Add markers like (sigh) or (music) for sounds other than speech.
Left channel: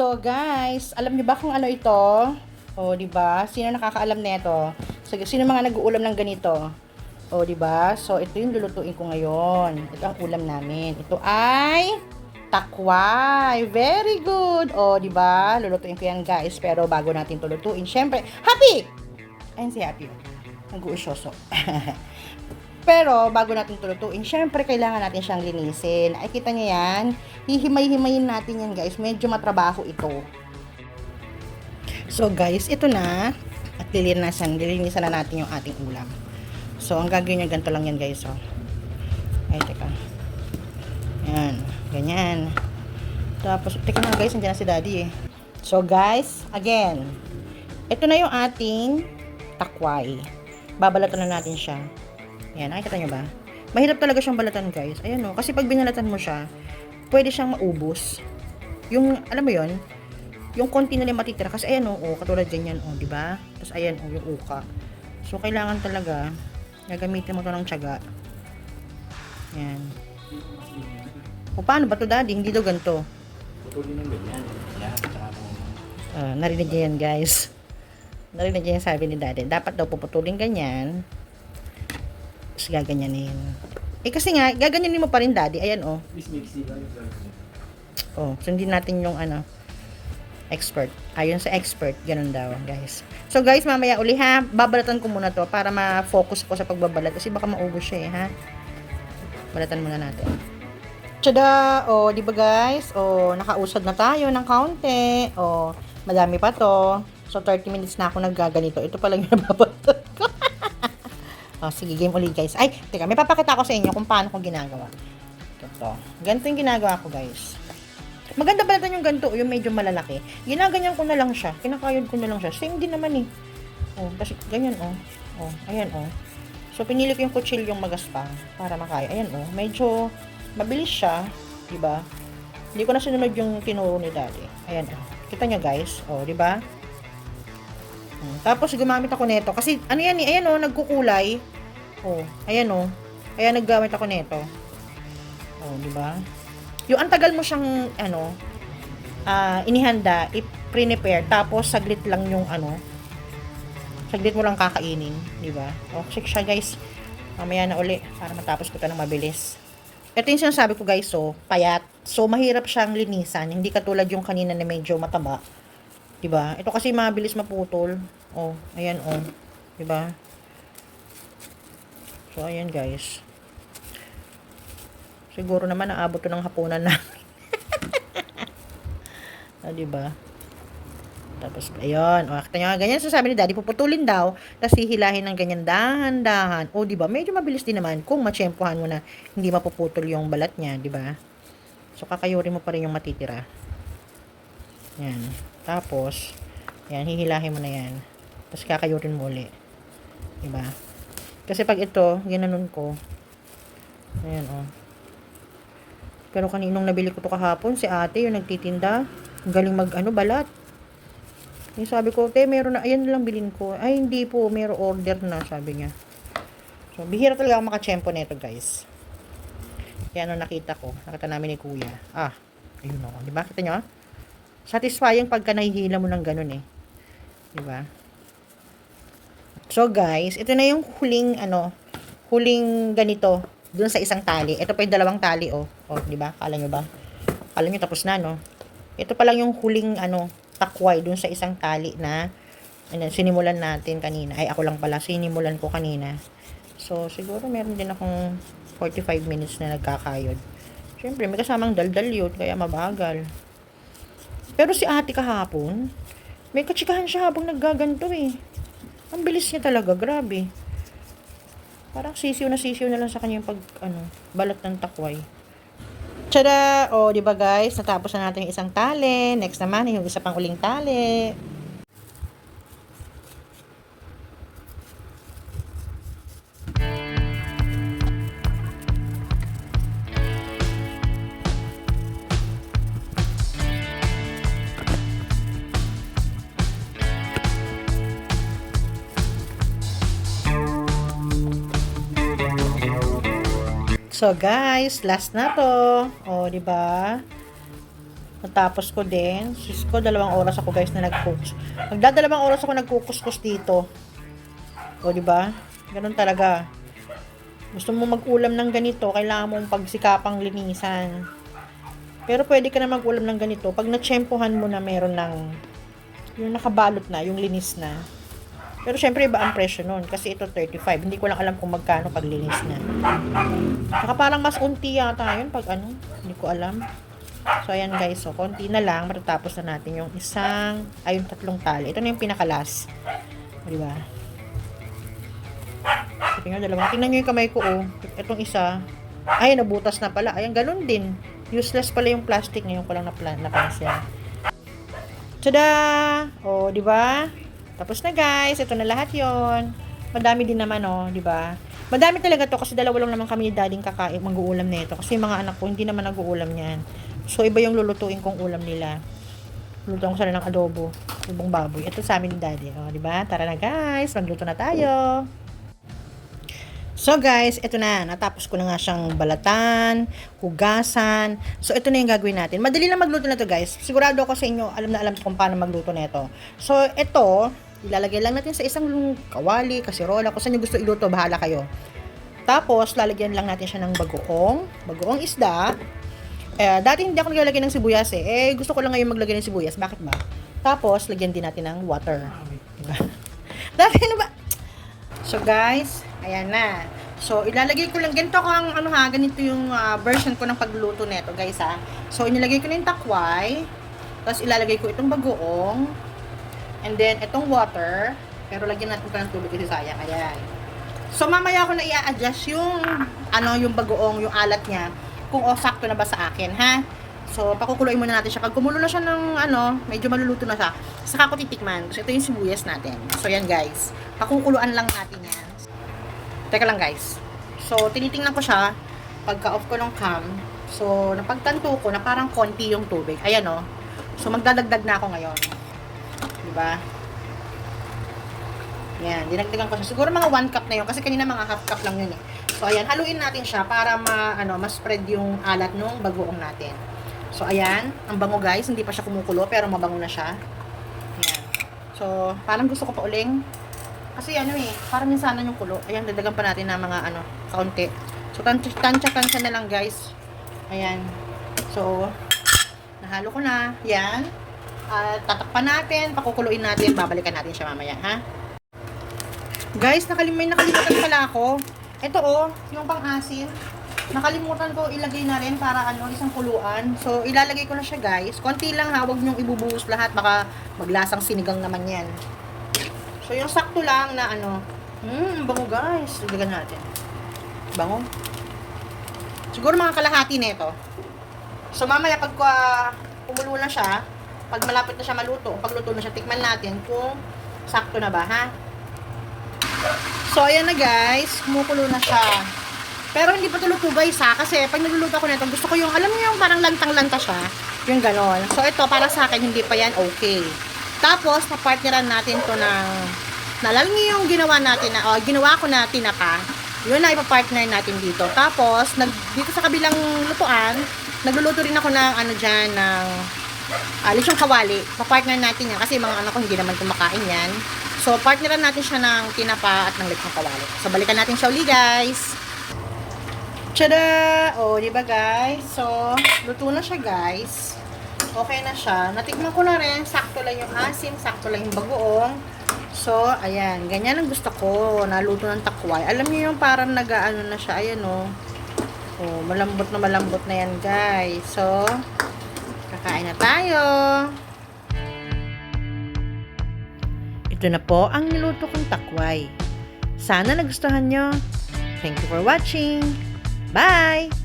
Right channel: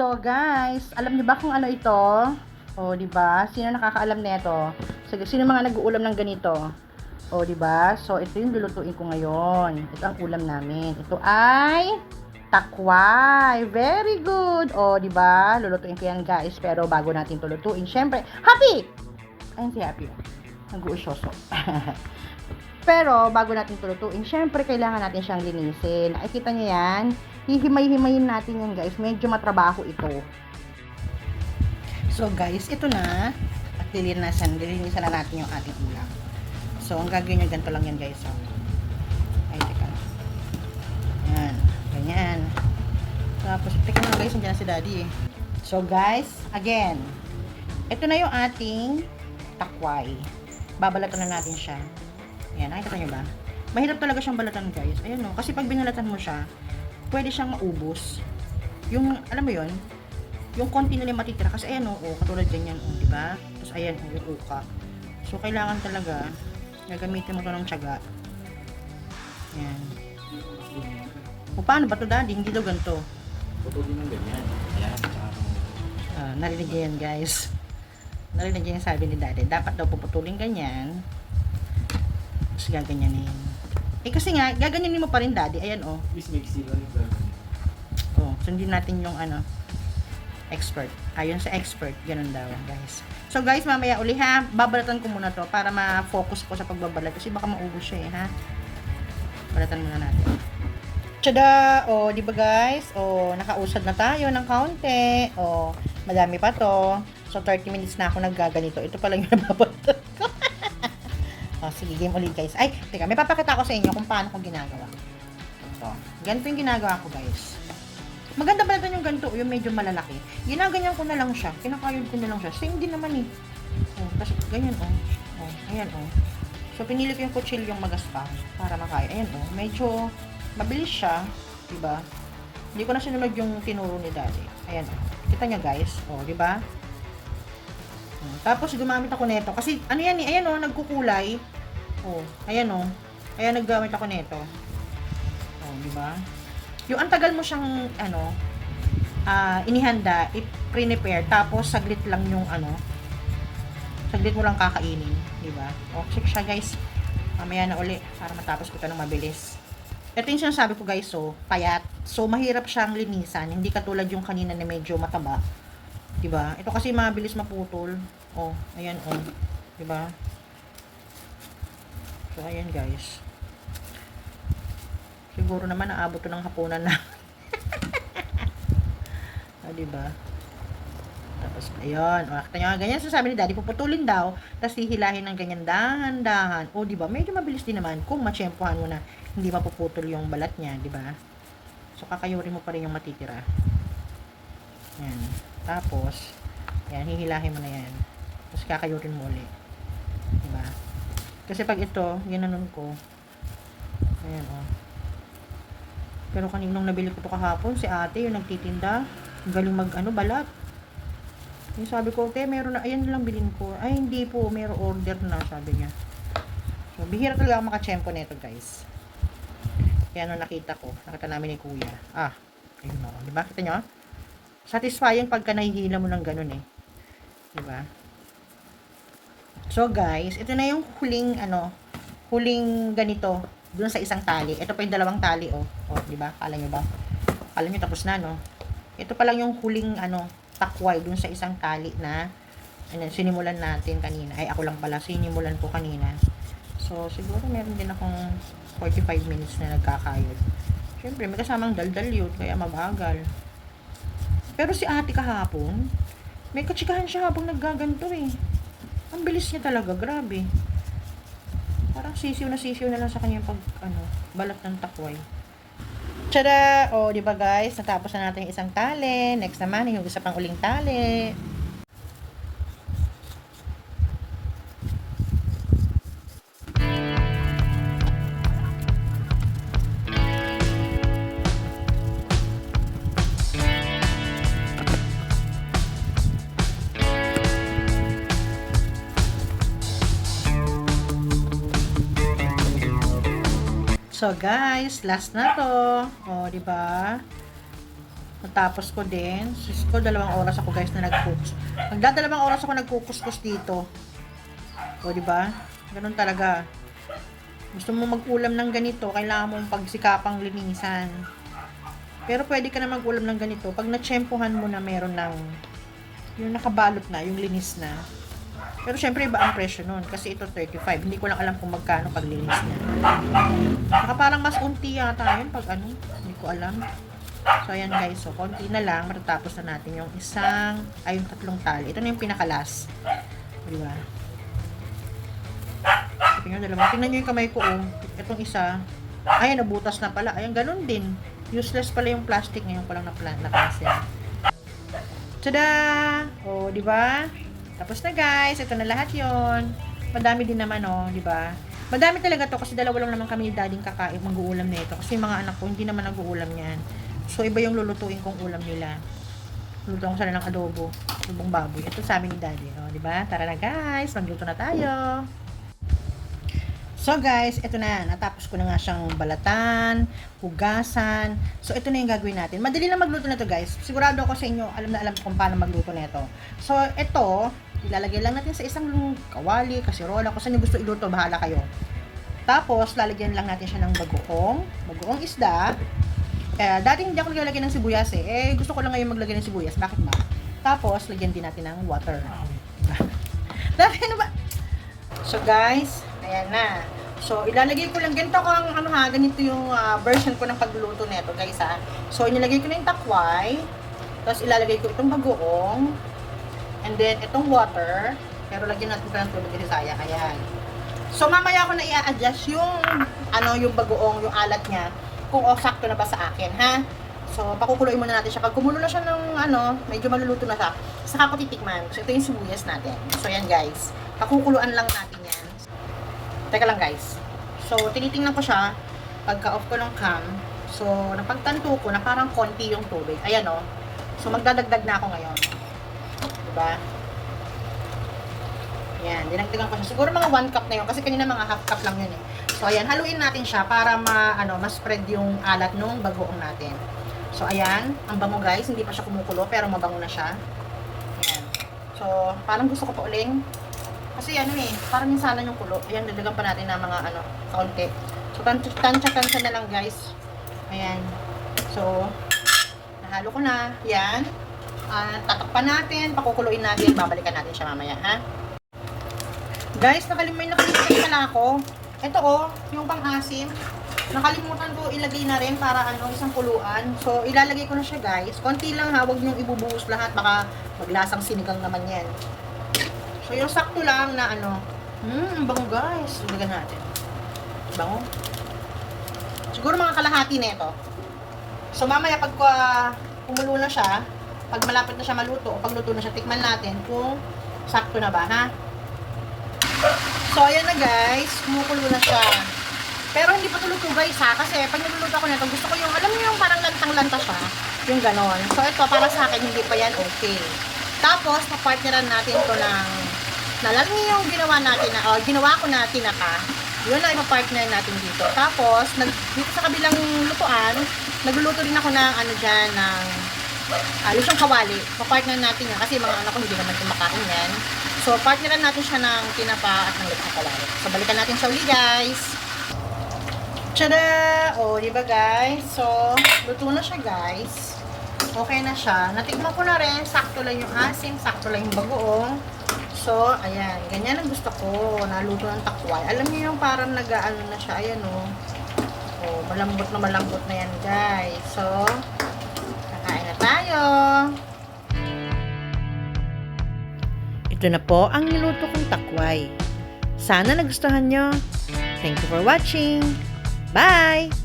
So guys, alam niyo ba kung ano ito? O, di ba? Sino nakakaalam nito? Sige, sino mga nag-uulam ng ganito? O, di ba? So, ito yung lulutuin ko ngayon. Ito ang ulam namin. Ito ay takway. Very good. O, di ba? Lulutuin ko yan, guys. Pero bago natin ito lutuin, syempre, happy! Ayun si Happy. Nag-uusyoso. (laughs) Pero, bago natin ito lutuin, syempre, kailangan natin siyang linisin. Ay, kita niyo yan? Hihimay-himayin natin yan, guys. Medyo matrabaho ito. So guys, ito na. At lilinisan, lilinisan na natin yung ating ulam. So, ang gagawin niya, ganito lang yan guys. Oh. Ay, teka. Yan. Ganyan. Tapos, teka na guys, nandiyan na si daddy eh. So guys, again. Ito na yung ating takway. Babalatan na natin siya. Yan, nakikita nyo ba? Mahirap talaga siyang balatan guys. Ayan o. Kasi pag binalatan mo siya, pwede siyang maubos. Yung, alam mo yon yung konti na lang matitira kasi ayan o, oh, katulad ganyan o, di ba? Tapos ayan o, yung uka. So, kailangan talaga gagamitin mo to ng tiyaga. Ayan. O, paano ba to daddy? Hindi daw ganito. Putulin ng ganyan. Ayan, tsaka Ah, narinig niyo yan, guys. Narinig niyo yung sabi ni daddy. Dapat daw puputulin ganyan. Tapos gaganyanin. Eh, kasi nga, gaganyanin mo pa rin, daddy. Ayan, oh. Please mixi lang yung gagawin. Oh, sundin natin yung ano, expert. Ayun sa expert, ganun daw, guys. So, guys, mamaya uli ha, babalatan ko muna to para ma-focus ko sa pagbabalat kasi baka maubos siya eh, ha. Balatan muna natin. Tada! O, di ba guys? O, nakausad na tayo ng kaunti. O, madami pa to. So, 30 minutes na ako naggaganito. Ito pa lang yung (laughs) nababalatan ko. O, sige, game ulit guys. Ay, teka, may papakita ko sa inyo kung paano ko ginagawa. Ito. Ganito yung ginagawa ko guys. Maganda ba yung ganito, yung medyo malalaki. Ginaganyan ko na lang siya. Kinakayod ko na lang siya. Same din naman eh. Oh, kasi ganyan oh. Oh, ayan oh. So pinili ko yung kutsilyong magaspang para makaya. Ayan oh, medyo mabilis siya, 'di ba? Hindi ko na sinunod yung tinuro ni Daddy. Ayan oh. Kita nyo guys, oh, 'di ba? Oh, tapos gumamit ako nito kasi ano yan eh, ayan oh, nagkukulay. Oh, ayan oh. Kaya naggamit ako nito. Oh, 'di ba? Yung ang tagal mo siyang ano, ah, inihanda, i-prepare tapos saglit lang yung ano, saglit mo lang kakainin, di ba? O, check siya guys. Mamaya na uli para matapos ko 'to ng mabilis. Ito yung sinasabi ko guys, so, payat. So, mahirap siyang linisan. Hindi katulad yung kanina na medyo mataba. 'Di ba? Ito kasi mabilis maputol. Oh, ayan oh. 'Di ba? So, ayan guys. Siguro naman naabot to ng hapunan na. (laughs) ah, 'di ba? Tapos, ayun. O, kita nyo ganyan sasabi ni daddy, puputulin daw, tapos hihilahin ng ganyan dahan-dahan. O, di ba? Medyo mabilis din naman kung matsyempohan mo na hindi mapuputol yung balat niya, di ba? So, kakayurin mo pa rin yung matitira. Yan. Tapos, yan, hihilahin mo na yan. Tapos, kakayurin mo ulit. Di ba? Kasi pag ito, ginanon ko, ayan, o. Pero kaninong nabili ko to kahapon, si ate, yung nagtitinda, galing mag, ano, balat. Yung sabi ko, te, meron na, ayan lang bilin ko. Ay, hindi po, meron order na, sabi niya. So, bihira talaga ako makachempo nito, guys. Kaya nung nakita ko, nakita namin ni kuya. Ah, ayun o. Di ba? Kita nyo? Satisfying pagka nahihila mo ng ganun eh. Di ba? So, guys, ito na yung huling, ano, huling ganito, dun sa isang tali. Ito pa yung dalawang tali, oh. Oh, di ba? Kala nyo ba? Kala nyo tapos na, no? Ito pa lang yung huling, ano, takway dun sa isang tali na ano, sinimulan natin kanina. Ay, ako lang pala, sinimulan ko kanina. So, siguro meron din akong 45 minutes na nagkakayod. Siyempre, may kasamang daldal yun, kaya mabagal. Pero si ate kahapon, may katsikahan siya habang naggaganto eh. Ang bilis niya talaga, grabe. Parang sisiw na sisiw na lang sa kanya yung pag, ano, balat ng takway. Tada! O, di ba guys? Natapos na natin yung isang tali. Next naman, yung isa pang uling tali. So guys, last na to. O, di ba? Natapos ko din. Sis ko, dalawang oras ako guys na nag-cooks. Magdadalawang oras ako nagkukuskus dito. O, di ba? Ganun talaga. Gusto mo mag-ulam ng ganito, kailangan mong pagsikapang linisan. Pero pwede ka na mag-ulam ng ganito pag natsyempohan mo na meron ng yung nakabalot na, yung linis na. Pero syempre iba ang presyo nun kasi ito 35. Hindi ko lang alam kung magkano pag linis niya. Baka parang mas unti yata yun pag ano, hindi ko alam. So ayan guys, so konti na lang matatapos na natin yung isang ay yung tatlong tali. Ito na yung pinakalas. Di ba? Tingnan dalawa. Tingnan niyo yung kamay ko oh. Itong isa. Ay, nabutas na pala. Ayan, ganun din. Useless pala yung plastic ngayon ko lang napla- napansin. Tada! O, di ba? Tapos na guys. Ito na lahat yon. Madami din naman oh, di ba? Madami talaga to kasi dalawa lang naman kami ni dading kakain mag-uulam nito kasi yung mga anak ko hindi naman nag-uulam niyan. So iba yung lulutuin kong ulam nila. Lulutuin ko sila ng adobo, lubong baboy. Ito sa amin ni daddy, oh, di ba? Tara na guys, magluto na tayo. So guys, ito na. Natapos ko na nga siyang balatan, hugasan. So ito na yung gagawin natin. Madali lang magluto na to guys. Sigurado ako sa inyo, alam na alam kung paano magluto na ito. So ito, ilalagay lang natin sa isang kawali, kasirola, kung saan nyo gusto iluto, bahala kayo. Tapos, lalagyan lang natin siya ng bagoong, bagoong isda. Eh, dati hindi ako naglalagay ng sibuyas eh. Eh, gusto ko lang ngayon maglagay ng sibuyas. Bakit ba? Tapos, lagyan din natin ng water. (laughs) Dati ano ba? So guys, ayan na. So ilalagay ko lang ganito ko ang ano ha, ganito yung ah, version ko ng pagluluto nito, guys ha. So inilagay ko na yung takway. Tapos ilalagay ko itong bagoong. And then itong water. Pero lagyan natin pa ng tubig kasi sayang. Ayan. So mamaya ko na i-adjust yung ano yung bagoong, yung alat niya kung o sakto na ba sa akin, ha? So, pakukuluin muna natin siya. Pag kumulo na siya ng ano, medyo maluluto na siya, saka ko titikman. So, ito yung sibuyas natin. So, yan guys. Pakukuluan lang natin yan. Teka lang guys. So, tinitingnan ko siya pagka-off ko ng cam. So, napagtanto ko na parang konti yung tubig. Ayan o. So, magdadagdag na ako ngayon. Diba? Ayan, dinagdagan ko siya. Siguro mga 1 cup na yun. Kasi kanina mga half cup lang yun eh. So, ayan, haluin natin siya para ma, ano, ma-spread yung alat nung bagoong natin. So, ayan, ang bango guys. Hindi pa siya kumukulo, pero mabango na siya. Ayan. So, parang gusto ko pa uling. Kasi ano eh, parang yung sana yung kulo. Ayan, dadagan pa natin ng mga ano, kaunti. So, tansya-tansya na lang guys. Ayan. So, nahalo ko na. Yan. At tatakpan natin, pakukuluin natin, babalikan natin siya mamaya, ha? Guys, nakalimay nakalimutan pala ako. Ito oh, yung pang-asim. Nakalimutan ko ilagay na rin para ano, isang kuluan. So, ilalagay ko na siya guys. Konti lang ha, huwag niyong ibubuhos lahat. Baka maglasang sinigang naman yan. So, yung sakto lang na ano. Hmm, ang bango guys. Ilagyan natin. Bango. Siguro mga kalahati nito. So, mamaya pag uh, kumulo na siya, pag malapit na siya maluto, pag luto na siya, tikman natin kung sakto na ba, ha? So, ayan na guys. Kumukulo na siya. Pero hindi pa tulog ko guys ha. Kasi pag nagluluto ako nito, gusto ko yung, alam niyo yung parang lantang-lanta siya. Yung ganon. So, ito para sa akin, hindi pa yan okay. Tapos, papartneran natin to ng, nalala niyo yung ginawa natin na, oh, ginawa ko na tinapa. Yun na ipapartner natin dito. Tapos, nag, dito sa kabilang lutuan, nagluluto rin ako ng, ano dyan, ng, alis yung kawali. Papartner natin yan. Kasi mga anak ko hindi naman kumakain yan. So, partneran natin siya ng tinapa at ng lechong kawali. So, balikan natin siya uli, guys. Tada! O, oh, di ba, guys? So, luto na siya, guys. Okay na siya. Natikman ko na rin. Sakto lang yung asim. Sakto lang yung bagoong. So, ayan. Ganyan ang gusto ko. Naluto ng takway. Alam niyo yung parang nag-ano na siya. Ayan, o. Oh. oh, malambot na malambot na yan, guys. So, tayo. Ito na po ang niluto kong takway. Sana nagustuhan nyo. Thank you for watching. Bye!